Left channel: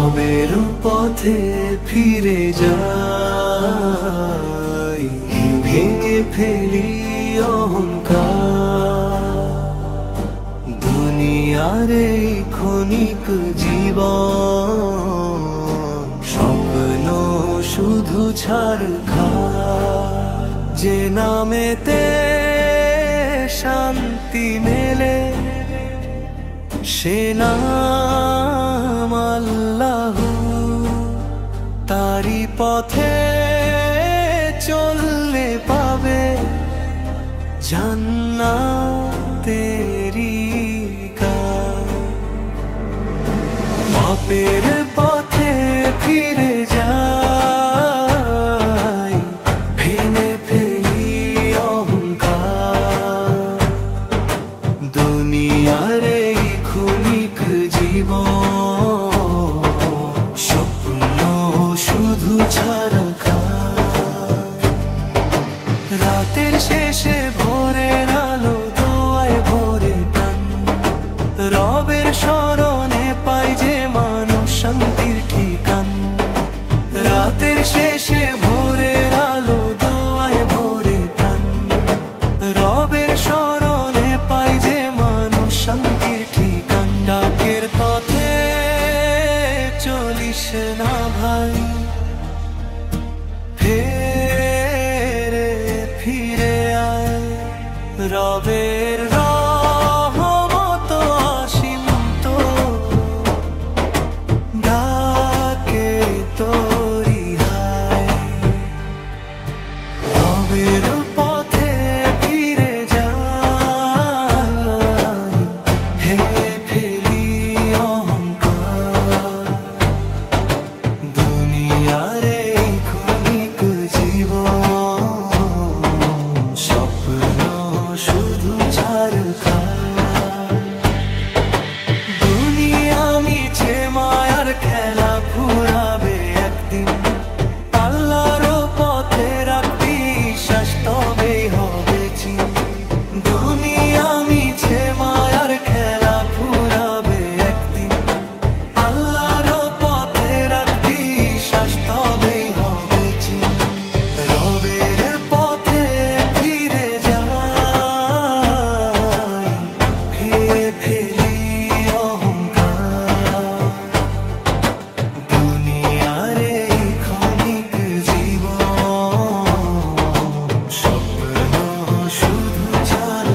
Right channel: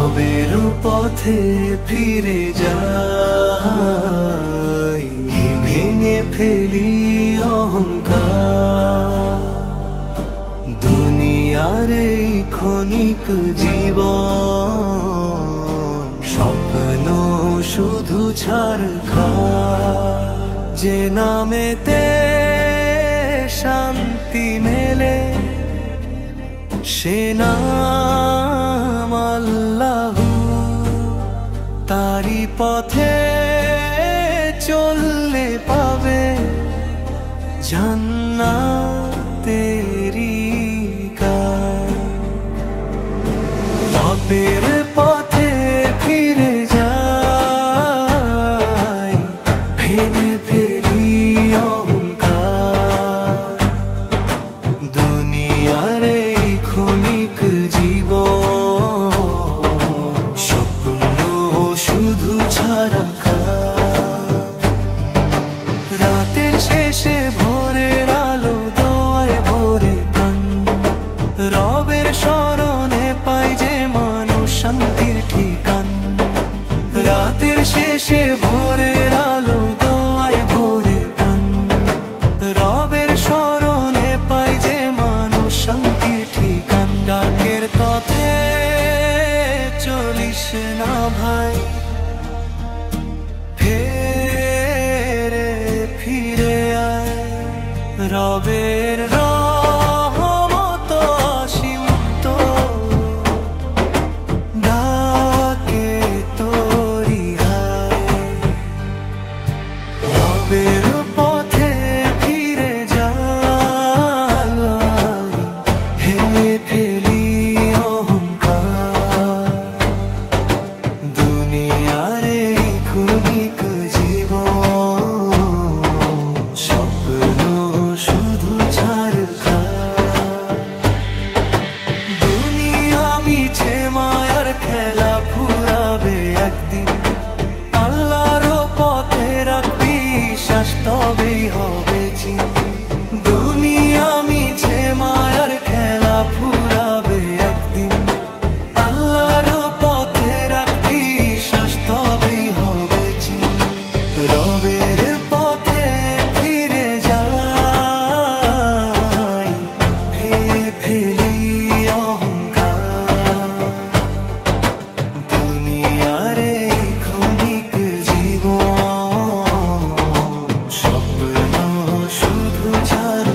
রবের পথে ফিরে যাই, ভেঙে ফেলি অহংকার। দুনিয়ার এই ক্ষণিক জীবন স্বপ্ন শুধু ছারখার। যে নামেতে শান্তি মেলে সে নাম আল্লাহু। তারি পথে চললে পাবে জান্নাতেরি গান। পাপের পথে ফিরে যাই, ভেঙে ফেলি অহংকার। দুনিয়ার এই ক্ষণিক জীবন স্বপ্ন শুধু ছারখার। রাতের শেষে ভোরের আলো দোয়ায় ভোরে প্রাণ। রবের স্মরণে পাই যে মানুষ শান্তির ঠিকান। রাতের শেষে ভোরের আলো দোয়ায় ভোরে প্রাণ। রবের স্মরণে পাই যে মানুষ শান্তির ঠিকান। ডাকের পথে চলিস না ভাই, ফিরে আয়। রবের রহমত অসীম তো ডাকে তোরি হায়। রবের পথে ফিরে যাই, হে ফেলি অহংকার। দুনিয়ার এই ক্ষণিক জীবন স্বপ্ন শুধু ছারখার। দুনিয়া মিছে মায়ার খেলা ফুরাবে একদিন। আল্লাহর পথে রাখবি বিশ্বাস তবেই হবে চিন। দুনিয়া মিছে মায়ার খেলা ফুরাবে একদিন। আল্লাহর পথে রাখবি বিশ্বাস তবেই হবে চিন। রবের পথে ফিরে যাই, ফেলি অহংকার। দুনিয়ার এই ক্ষণিক জীবন স্বপ্ন শুধু ছাড়।